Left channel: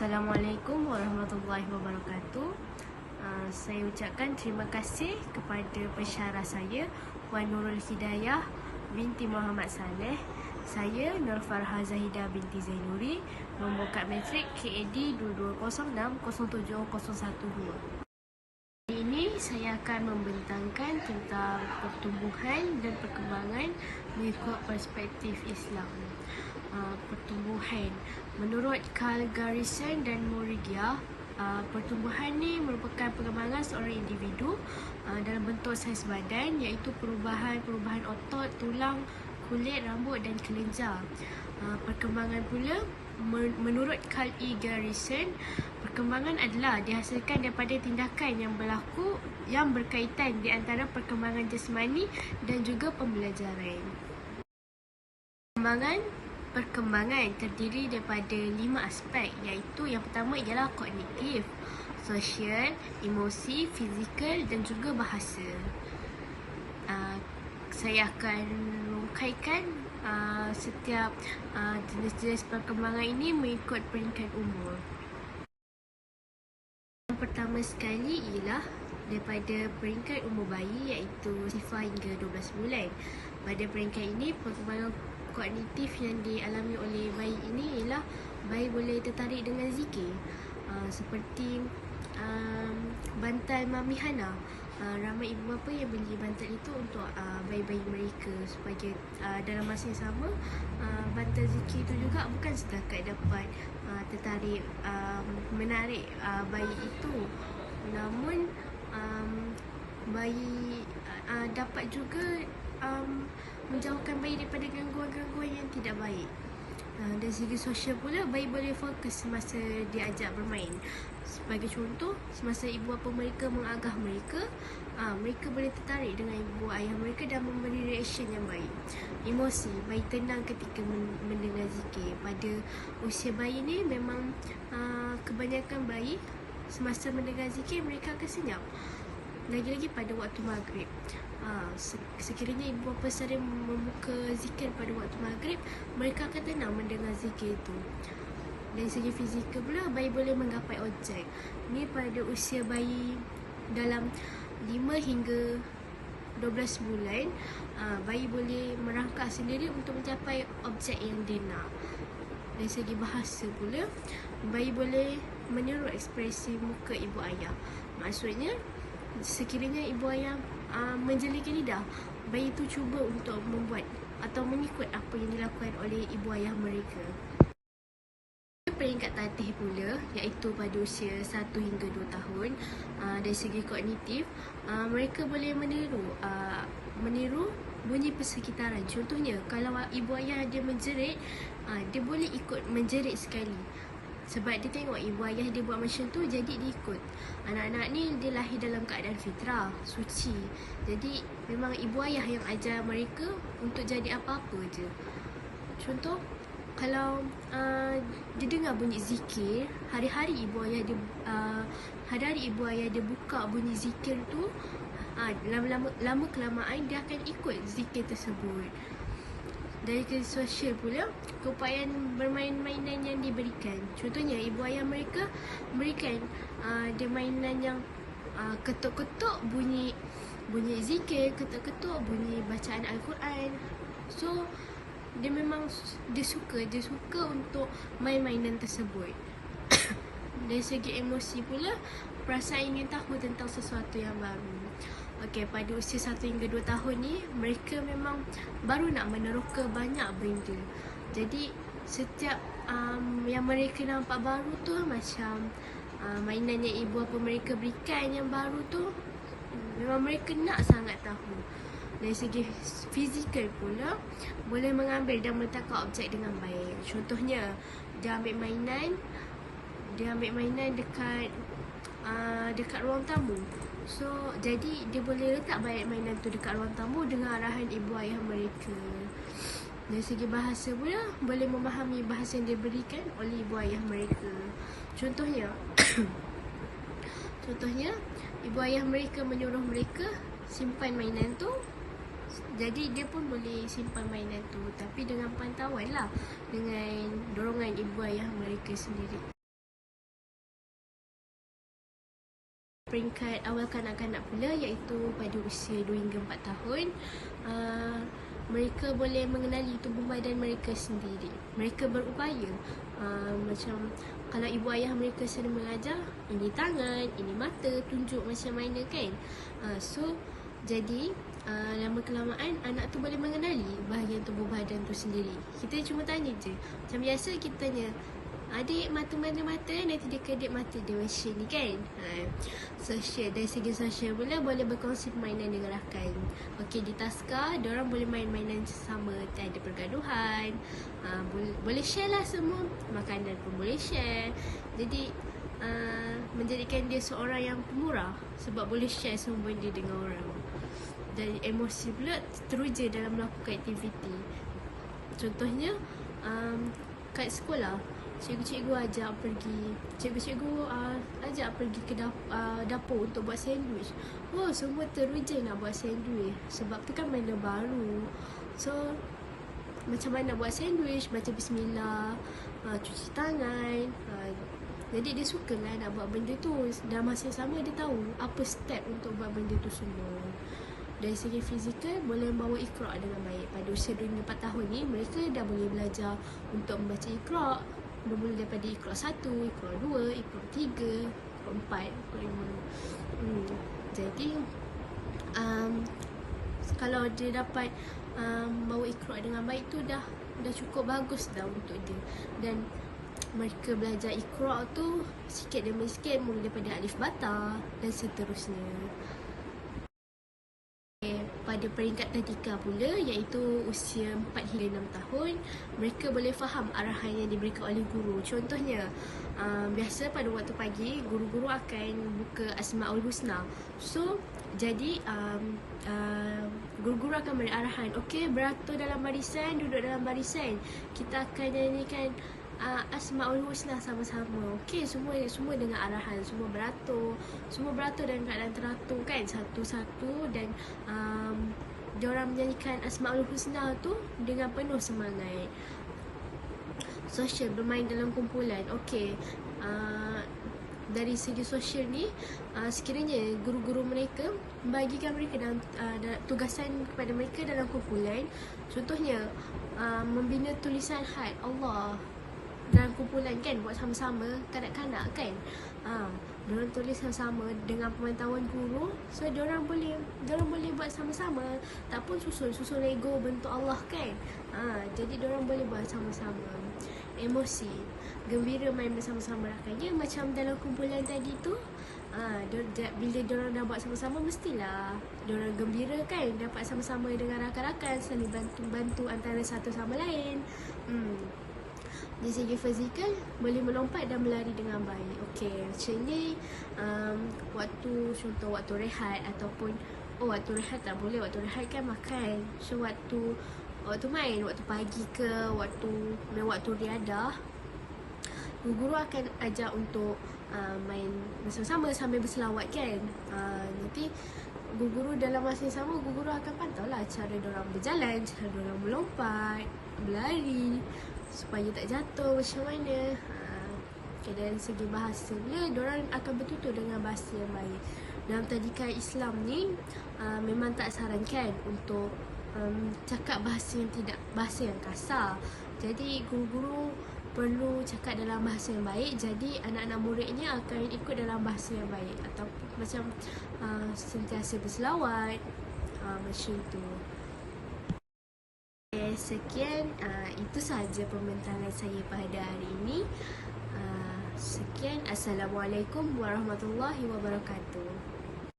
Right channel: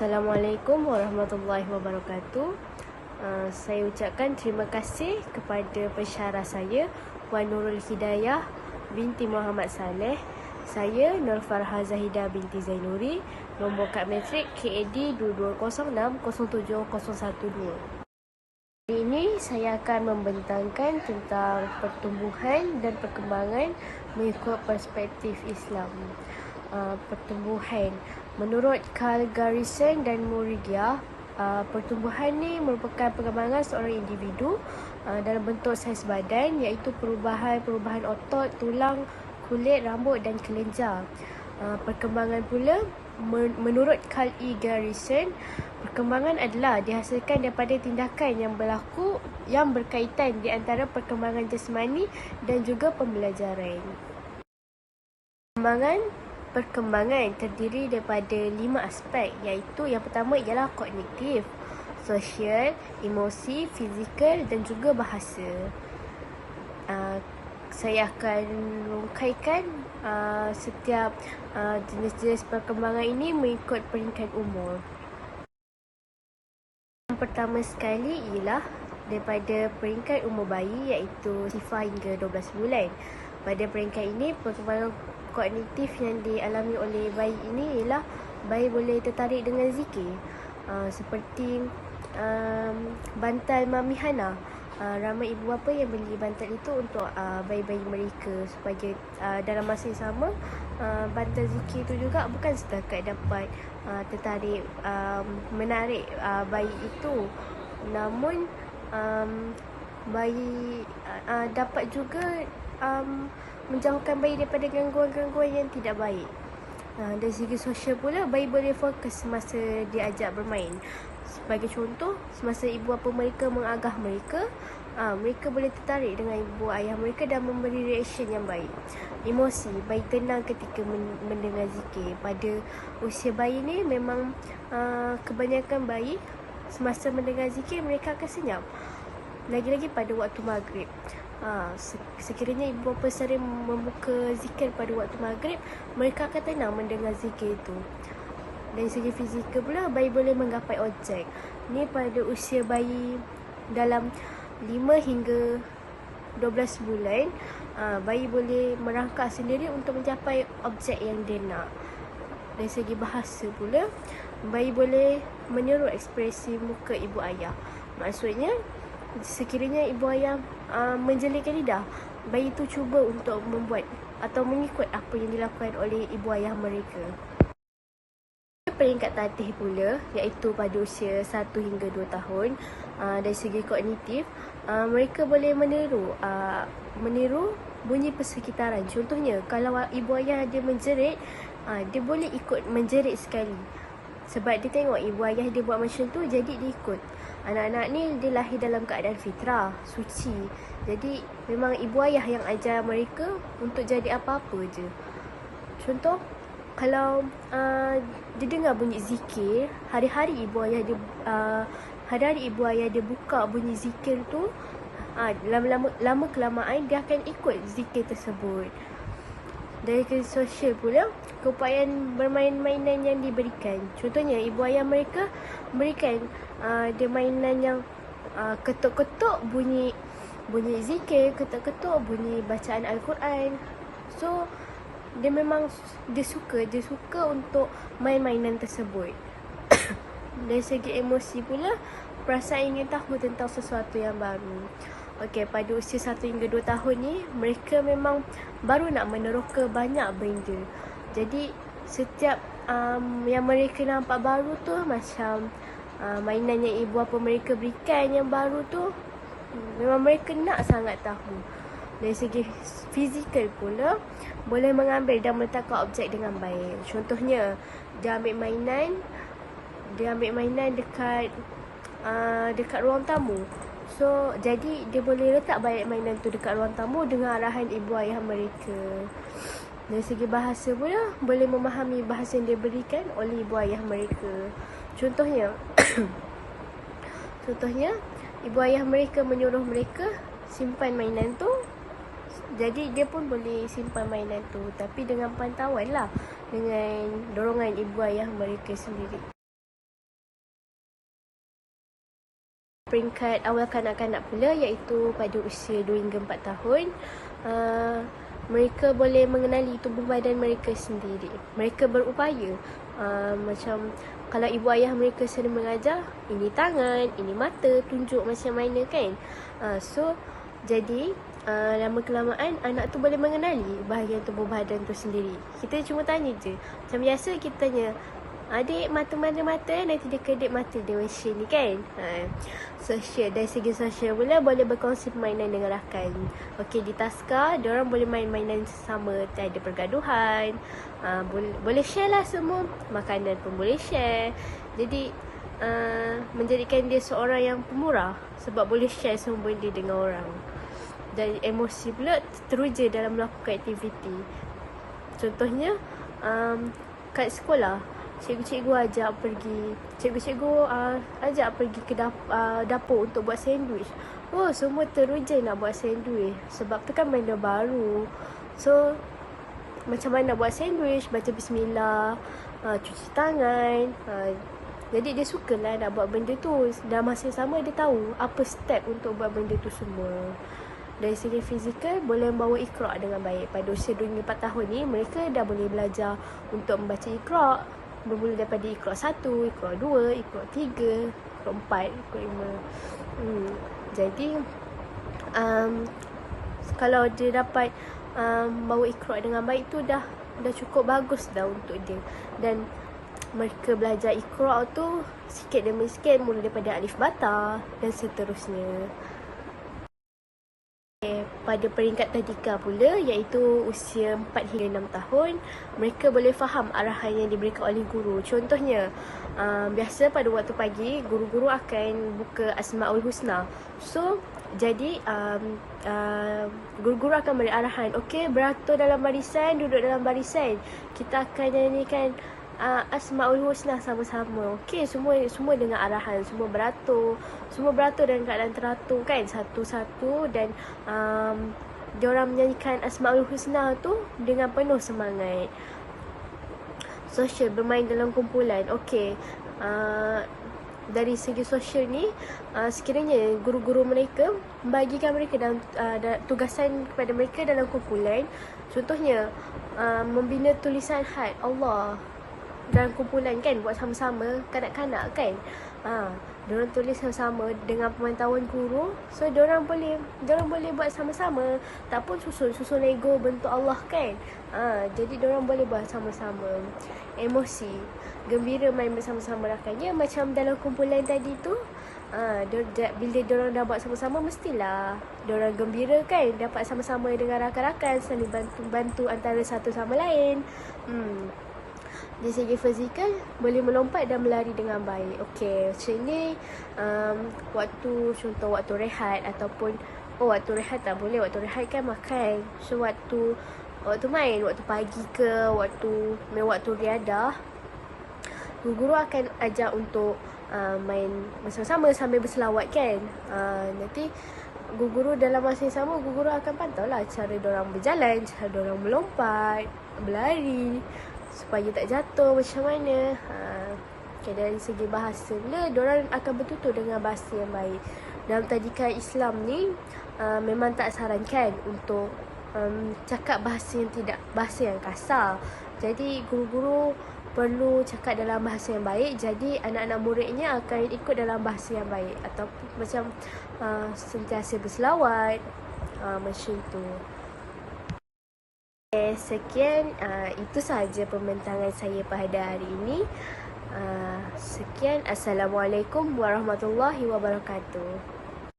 Assalamualaikum warahmatullahi wabarakatuh. Saya ucapkan terima kasih kepada pensyarah saya, Puan Nurul Hidayah binti Muhammad Saleh. Saya Nur Farha Zahidah binti Zainuri, nombor kad matrik KAD 2206071012. Hari ini saya akan membentangkan tentang pertumbuhan dan perkembangan mengikut perspektif Islam. Pertumbuhan menurut Carl Garrison dan Murigia, pertumbuhan ni merupakan perkembangan seorang individu dalam bentuk saiz badan, iaitu perubahan otot, tulang, kulit, rambut dan kelenjar. Perkembangan pula menurut Carl E. Garrison, perkembangan adalah dihasilkan daripada tindakan yang berlaku yang berkaitan di antara perkembangan jasmani dan juga pembelajaran. Perkembangan terdiri daripada 5 aspek, iaitu yang pertama ialah kognitif, sosial, emosi, fizikal dan juga bahasa. Saya akan rungkaikan setiap jenis-jenis perkembangan ini mengikut peringkat umur. Yang pertama sekali ialah daripada peringkat umur bayi, iaitu 0 hingga 12 bulan. Pada peringkat ini, perkembangan kognitif yang dialami oleh bayi ini ialah bayi boleh tertarik dengan zikir, seperti bantal Mami Hana. Ramai ibu bapa yang beli bantal itu untuk bayi-bayi mereka, supaya dalam masa yang sama bantal zikir itu juga bukan setakat dapat tertarik, menarik bayi itu, namun bayi dapat juga menjauhkan bayi daripada gangguan-gangguan yang tidak baik. Dari segi sosial pula, bayi boleh fokus semasa diajak bermain. Sebagai contoh, semasa ibu bapa mereka mengagah mereka, mereka boleh tertarik dengan ibu ayah mereka dan memberi reaksyen yang baik. Emosi, bayi tenang ketika mendengar zikir. Pada usia bayi ni memang kebanyakan bayi semasa mendengar zikir mereka akan senyap. Lagi-lagi pada waktu maghrib. Sekiranya ibu bapa sering membuka zikir pada waktu maghrib, mereka akan tenang mendengar zikir itu. Dari segi fizikal pula, bayi boleh menggapai objek. Ni pada usia bayi dalam 5 hingga 12 bulan, bayi boleh merangkak sendiri untuk mencapai objek yang dia nak. Dari segi bahasa pula, bayi boleh meniru ekspresi muka ibu ayah. Maksudnya, sekiranya ibu ayah menjelingkan lidah, bayi itu cuba untuk membuat atau mengikut apa yang dilakukan oleh ibu ayah mereka. Peringkat tatih pula, iaitu pada usia 1 hingga 2 tahun, dari segi kognitif, mereka boleh meniru bunyi persekitaran. Contohnya, kalau ibu ayah dia menjerit, dia boleh ikut menjerit sekali. Sebab dia tengok ibu ayah dia buat macam tu, jadi dia ikut. Anak-anak ni dia lahir dalam keadaan fitrah, suci. Jadi memang ibu ayah yang ajar mereka untuk jadi apa-apa je. Contoh, kalau dia dengar bunyi zikir, hari-hari ibu ayah dia buka bunyi zikir tu, lama kelamaan dia akan ikut zikir tersebut. Dari segi sosial pula, keupayaan bermain-mainan yang diberikan. Contohnya, ibu ayah mereka berikan dia mainan yang ketuk-ketuk bunyi zikir, ketuk-ketuk bunyi bacaan Al-Quran. So, dia suka untuk main-mainan tersebut. Dari segi emosi pula, perasaan ingin tahu tentang sesuatu yang baru. Okey, pada usia 1 hingga 2 tahun ni, mereka memang baru nak meneroka banyak benda. Jadi, setiap yang mereka nampak baru tu, macam mainan yang ibu bapa mereka berikan yang baru tu, memang mereka nak sangat tahu. Dari segi fizikal pula, boleh mengambil dan meletakkan objek dengan baik. Contohnya, dia ambil mainan dekat ruang tamu. So, jadi dia boleh letak banyak mainan tu dekat ruang tamu dengan arahan ibu ayah mereka. Dari segi bahasa pula, boleh memahami bahasa yang diberikan oleh ibu ayah mereka. Contohnya, ibu ayah mereka menyuruh mereka simpan mainan tu, jadi dia pun boleh simpan mainan tu, tapi dengan pantauan lah, dengan dorongan ibu ayah mereka sendiri. Peringkat awal kanak-kanak pula iaitu pada usia 2 hingga 4 tahun. Mereka boleh mengenali tubuh badan mereka sendiri. Mereka berupaya. Macam kalau ibu ayah mereka sering mengajar, ini tangan, ini mata, tunjuk macam mana kan. So jadi lama kelamaan anak tu boleh mengenali bahagian tubuh badan tu sendiri. Kita cuma tanya je. Macam biasa kita tanya, adik mata mana mata, nanti dia kedip mata dia macam ni kan. Sosial, dari segi sosial pula boleh berkongsi permainan dengan rakan. Okey, di taska diorang boleh main mainan sama, tak ada pergaduhan. Boleh share lah semua. Makanan pun boleh share. Jadi menjadikan dia seorang yang pemurah sebab boleh share semua benda dengan orang. Dan emosi pula teruja dalam melakukan aktiviti. Contohnya kat sekolah, cikgu-cikgu ajak pergi, ajak pergi ke dapur untuk buat sandwich. Semua teruja nak buat sandwich sebab tu kan benda baru. So macam mana buat sandwich, baca bismillah, cuci tangan. Jadi dia sukalah nak buat benda tu. Dan masa sama dia tahu apa step untuk buat benda tu semua. Dari segi fizikal, boleh membawa Iqra' dengan baik. Pada usia 2 hingga 4 tahun ni, mereka dah boleh belajar untuk membaca Iqra'. Bermula daripada Iqra' 1, Iqra' 2, Iqra' 3, Iqra' 4, Iqra' 5. Jadi kalau dia dapat bawa Iqra' dengan baik tu dah cukup bagus dah untuk dia. Dan mereka belajar Iqra' tu sikit demi sikit, mula daripada alif bata dan seterusnya. Pada peringkat tadika pula, iaitu usia 4 hingga 6 tahun, mereka boleh faham arahan yang diberikan oleh guru. Contohnya, biasa pada waktu pagi, guru-guru akan buka Asma'ul Husna. So, jadi guru-guru akan beri arahan, okey, beratur dalam barisan, duduk dalam barisan. Kita akan nyanyikan Asma'ul Husna sama-sama. Okey, semua dengan arahan, semua beratur dalam keadaan teratur kan, satu-satu. Dan diorang menyanyikan Asma'ul Husna tu dengan penuh semangat. Sosial, bermain dalam kumpulan. Okey, dari segi sosial ni, sekiranya guru-guru mereka membagikan mereka dalam tugasan kepada mereka dalam kumpulan. Contohnya membina tulisan khat Allah dalam kumpulan kan, buat sama-sama kanak-kanak kan. Diorang tulis sama-sama dengan pemantauan guru. So diorang boleh buat sama-sama. Tak pun susun Lego bentuk Allah kan. Jadi diorang boleh buat sama-sama. Emosi, gembira main bersama-sama rakannya. Macam dalam kumpulan tadi tu, bila diorang dah buat sama-sama, mestilah diorang gembira kan, dapat sama-sama dengan rakan-rakan, saling bantu antara satu sama lain. Dari segi fizikal, boleh melompat dan berlari dengan baik. Okey, macam ni contoh waktu rehat ataupun waktu rehat tak boleh, waktu rehat kan makan. So waktu main, waktu pagi ke, waktu riadah, guru akan ajak untuk main bersama-sama sambil berselawat kan. Nanti guru dalam masa yang sama, guru akan pantau lah cara diorang berjalan, cara diorang melompat, berlari, supaya tak jatuh macam mana. Okay, dari segi bahasa pula, diorang akan bertutur dengan bahasa yang baik. Dalam tadika Islam ni, memang tak sarankan untuk cakap bahasa yang kasar. Jadi guru-guru perlu cakap dalam bahasa yang baik. Jadi anak-anak muridnya akan ikut dalam bahasa yang baik. Atau macam sentiasa berselawat, macam tu. Sekian, itu sahaja pembentangan saya pada hari ini. Sekian, Assalamualaikum warahmatullahi wabarakatuh.